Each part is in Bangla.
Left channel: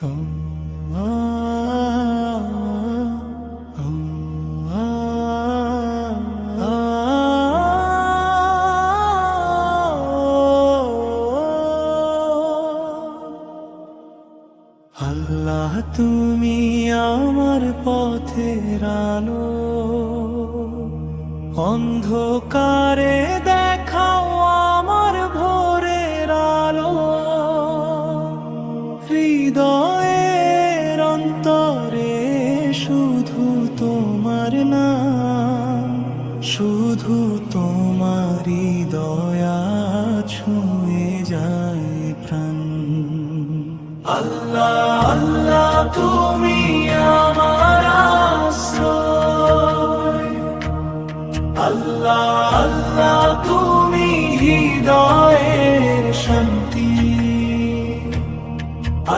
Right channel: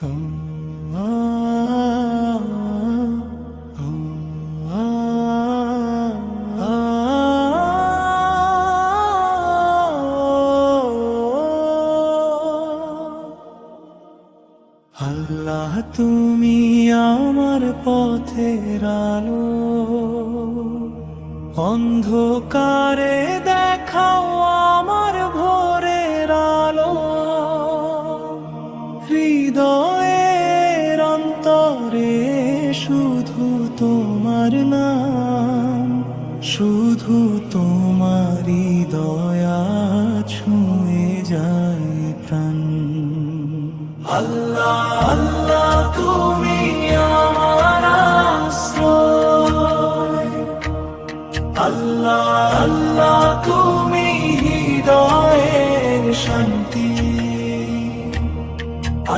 আল্লাহ তুমি আমার পথের আলো, অন্ধকারে দেখাও আমার ভোরের আলো। হৃদয়ের অন্তরে শুধু তোমার নাম, শুধু তোমারই দয়া ছুঁয়ে যায় প্রাণ। আল্লাহ আল্লাহ তুমি আমার আশ্রয়, আল্লাহ আল্লাহ তুমি হৃদয়ের শান্তি।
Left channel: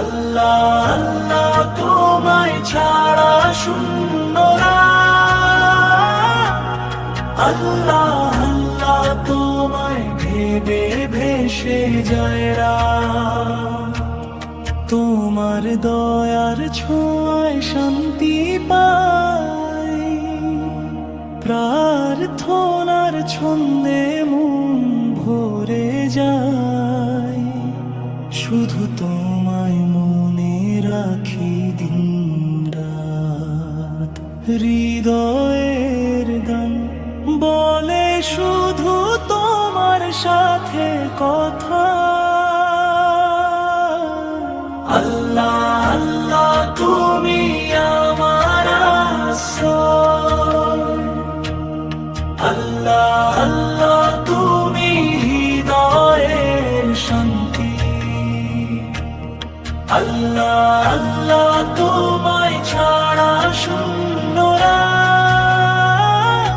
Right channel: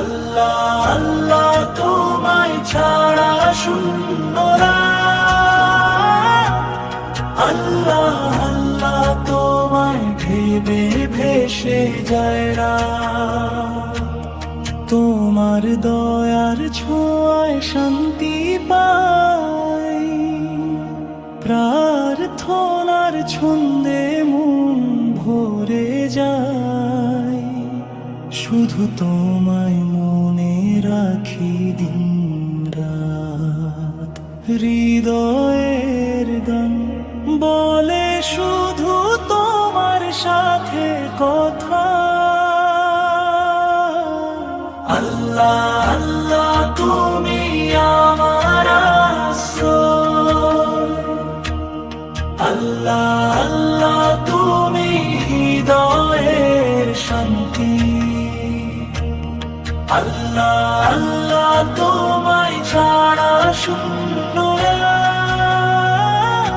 আল্লাহ আল্লাহ তোমায় ছাড়া শূন্য রাত। আল্লাহ আল্লাহ তোমায় ভেবে ভেসে যায় রাত। তোমার দয়ার ছোঁয়ায় শান্তি পাই, প্রার্থনার ছন্দে মন ভরে যায়। শুধু তোমায় মনে রাখি দিন রাত। হৃদয়ের গান বলে শুধু তোমার সাথে কথা। আল্লাহ আল্লাহ তুমি আমার আশ্রয়, আল্লাহ আল্লাহ তুমি হৃদয়ের শান্তি। আল্লাহ আল্লাহ তোমায় ছাড়া শূন্য রাত।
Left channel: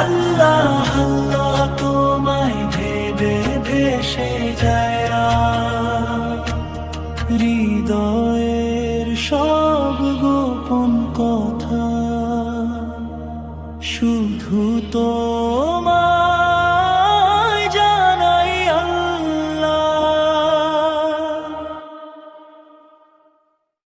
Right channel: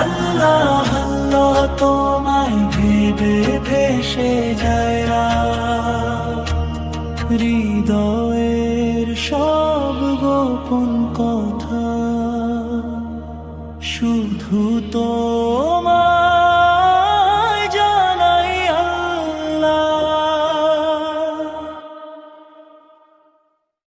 আল্লাহ আল্লাহ তোমায় ভেবে ভেসে যায় রাত। হৃদয়ের সব গোপন কথা শুধু তোমার